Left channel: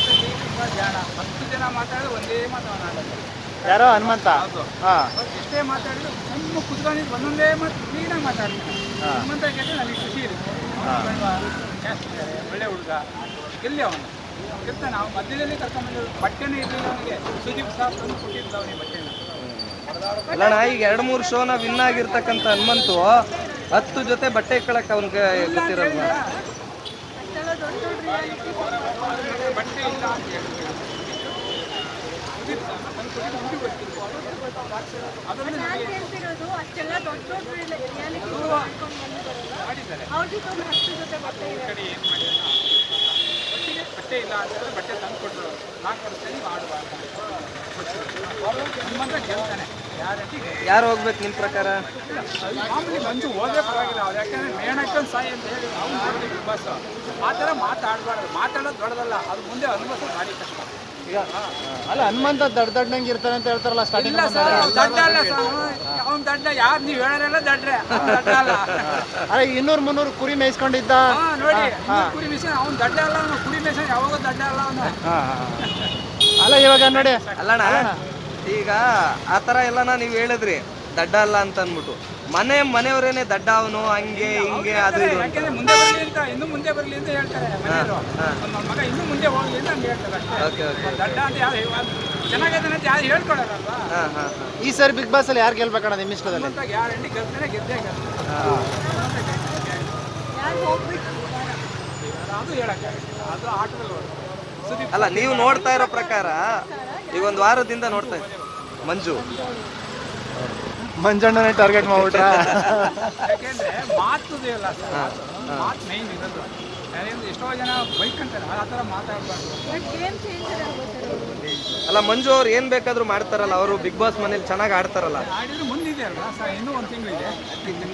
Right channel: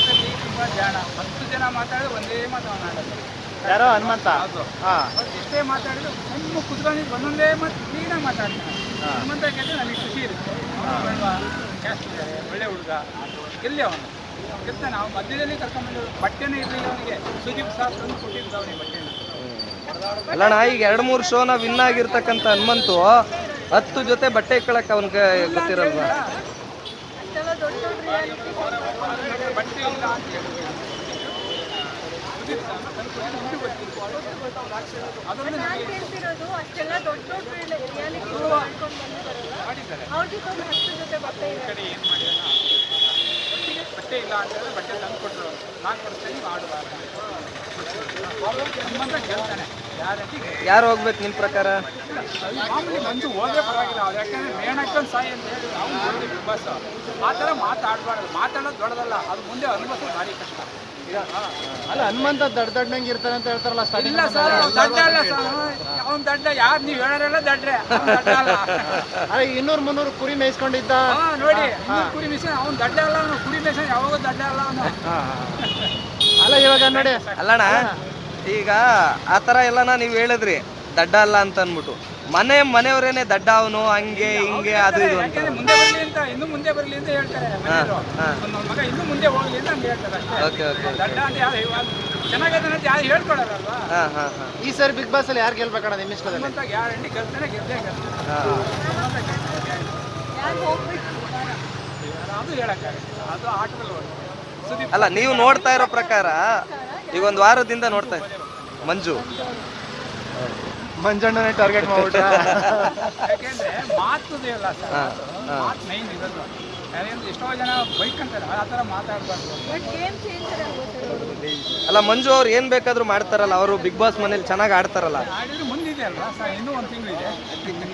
ಮಾತಲ್ಲಿ ತುಂಬಾ ಜಾಣ. ಹತ್ತು ಜನ ಮಾತಾಡಿದ್ರೆ ಒಂದೇ ಮಾತು ಅವನು ಆಡೋದು. ಯಾರೋ ಹನುಮಂತ? ಹೌದು. ಹಾ. ಅವ್ರು ಎಷ್ಟೇ ಮಾತಾಡಿದ್ರು ಸಣ್ಣ ಕುತ್ಕೊಂಡಿದ್ದು ಒಂದೊಂದೇ ಮಾತು ಕ್ಲೀನಾಗಿ ಮಾತಾಡ್ತಾನೆ ಹನುಮಂತ ಕೇಳಿದ್ರೆ ನನಗೆ ಖುಷಿ ಇರುತ್ತೆ. ಅವನು ಬೇಡವಾ ಕ್ಯಾಸ್ಟ್ ಇದ್ದಾರೆ ಒಳ್ಳೆ ಹುಡುಗ. ಗೆಲ್ಲಿ ಅವನು. ಗೆಲ್ತಾನೆ ಅವ್ನು ಮಧ್ಯದಲ್ಲಿ ಕರ್ಕೊಂಡ್ಬಂದು ಬಟ್ಟೆನೇ ಇರಲಿಲ್ಲ ಅವನಿಗೆ. ಸುದೀಪ್ ಸಾಫ್ ಕೊಟ್ಟಿದ್ದು ಅವನಿಗೆ ಬಟ್ಟೆನ. ಅಲ್ಲಣ್ಣ ಈಗ ಎರಡು ಮೂರು ಶೋನ ವಿನ್ ಆಗಿರ್ತಕ್ಕಂಥ ಹನುಮಂತು ಹತ್ತು ಜೊತೆ ಬಟ್ಟೆ ಇಕ್ಕಳಕ್ಕೆ ಅವ್ನಿಗೆ ಹೇಳಿದ್ನಲ್ಲ? ಬಟ್ಟೆ ಇಲ್ಲ ಅಂತ ರಿಯಾಲಿಟಿ ಮಾಡಿದ್ದಾರೆ ಕಡೆ ಏನು ಬಟ್ಟೆ ಇಲ್ಲ ಅಂತ ಹೇಳಿದ್ರೆ ಬಟ್ಟೆ ತಂದು ಕೊಟ್ಟರು ನಾಲ್ಕು ವರ್ಷದಲ್ಲಿ ಮಾಡುವಾಗ. ಹನುಮಂತ ಗೆಲ್ತಾನೆ ಗ್ಯಾರಂಟಿ ಯಾರು ಹೋಗ್ಬೇಕು ನಿಮ್ಮ ಪ್ರಕಾರ? ಮಾಮೂಲಿ ಮಂಜು ಹೋದೇ ಪರವಾಗಿಲ್ಲ ಅವ್ರು ಯಾಕಂದ್ರೆ ಮೇಣಕ್ಕೊಂದು ಸಾಯಿ ಅಂತ ಹೇಳಿ ಅವ್ನು ನೋಡಿದೆ ಬಿಗ್ ಬಾಸ್ ಆ ಥರ ಮಾತಾಡಬಾರ್ದು. ಮಾತಾಡೋದು ದೊಡ್ಡದಲ್ಲ ಅದು ಮುಂದೆ ಅನುಭವಿಸೋದು ಭಾರಿ ಕಷ್ಟ. ಅಲ್ಲ ಹನುಮಂತ ದೊಡ್ಡ ದೊಡ್ಡಂಗೆ ಇರ್ತಾರೆ ಅಂತ ಹೇಳ್ತಾರಲ್ಲ ಇಲ್ಲ ಸರ್ ಅವ್ನು ದಡ್ಡ ಅಲ್ಲ ಸರ್. ಅವ್ನು ದಡ್ಡ ಯಾರು ನೀವು ಹೇಳೋರೆಲ್ಲ ದಡ್ಡ್ರೆ. ಅವ್ನು ದಡ್ಡ ಅಲ್ಲ. ಅರೆ ಇನ್ನೂರು ಮುನ್ನೂರು ಕುರಿ ಮೇಯಿಸ್ಕೊಂಡಿದ್ದ? ಹಾ ನೋಡಿ ಇನ್ನೂರು ಕುರಿ ಮಿಷನ್ ಅವ್ನು ದಡ್ಡ ಅಲ್ಲ ಅವನು. ಕುರಿ ಮಿಷನ್ ಯಾವಾಗ ದಡ್ಡ ಅಲ್ಲ ಅವನು. ಅಲ್ಲ ಇವಾಗ ನೋಡಿ. ಅಲ್ಲಣ್ಣ ಈಗ ಆ ಥರ ಎಲ್ಲನ ನೀವು ಹೇಳಿದ್ರಿ ದಡ್ಡ ಅಲ್ಲ ಅಂತ ಅಂದ್ಬಿಟ್ಟು. ಮನೆ ಮನೆಯವರೇನೆ ದಡ್ಡ ಅವನು ಹಂಗೆ ಹಿಂಗೆ ಅದು ಇದು ಅಂತ. ಯಾಕೆಂದ್ರೆ ಮುಂದೆ ಬರಲಿ ಅಂತ ಇನ್ನು ಮುಂದೆ ಬರಲಿ ಅಂತ ಹೇಳ್ತಾರೆ ಮನೆಯವರು. ನನ್ನ ಮಗ ಇನ್ನೂ ಮುಂದೆ ಹೋಗ್ಲಿ ಅಂತ ಹಂಗೆ ಹೇಳ್ತಾರೆ ಅಷ್ಟೇ. ಓಕೆ ಓಕೆ ಅವ್ನು ದಡ್ಡ ಅಂತ ಯಾರು ಇವಾಗ ಚೆನ್ನಾಗಿದೆ ಅಂತ ಯಾರು ಹೇಳ್ಕೊಡಲ್ಲ ಹಾಂ ಹಾಂ ಈ ಸರಿ ಬಿಗ್ ಬಾಸ್ ಅಲ್ಲಿ ಯಾರು ಗೆಲ್ಬೇಕಣ್ಣ ನಿಮ್ಮ ಇಷ್ಟದಲ್ಲಿ? ಹನುಮಂತ ಗ್ಯಾರಂಟಿ ಗೆಲ್ತಾನೆ ಗೆದ್ದೇ ಗೆಲ್ತಾನೆ. ಹನುಮಂತ. ಯಾರು ಅದು ಹೇಳಕ್ಕಾಗಲ್ಲ ಅದು ಆಟದಲ್ಲಿ ಬರುತ್ತೆ ಸುದೀಪ್ ಅಲ್ಲ ನೀವು ನೋಡ್ತಾ ಇರೋ ಪ್ರಕಾರ ಈ ಒಂದು ವಾರದಿಂದ ನೋಡ್ತಾ ಮಂಜು. ಮಂಜಣ್ಣನೇ ಟಾರ್ಗೆಟ್ ಮಾಡ್ಬಿಟ್ಟು ಯಾಕೆಂದ್ರೆ ಮಾತು ಅಲ್ಲ ಸರ್ ಮಾತು. ಮಾತು ಮೈನ್ ಇರೋದು. ಯಾಕೆಂದ್ರೆ ಎಷ್ಟೋ ಜನ ಬೈಕ್ ಅಂತಾರೆ ಆ ಥರ ಮಾತಾಡಬಾರ್ದು. ಅಲ್ಲ ಮಂಜು ಅವ್ರು ಏನು ಬೇಕಾದರೂ ಮಾಡ್ತಾರಲ್ಲ ಅವರು ಬಿಗ್ ಬಾಸ್ ಮನೇಲಿ ಚೆನ್ನಾಗಿ ಆಡ್ತಾರಲ್ಲ. ಆಡಿದ್ರೆ ಮುಂದಿದೆ ಅಲ್ವಾ ಸರ್? ಇನ್ನೂ ಒಂದು ತಿಂಗಳಿದೆ ಇದೆ.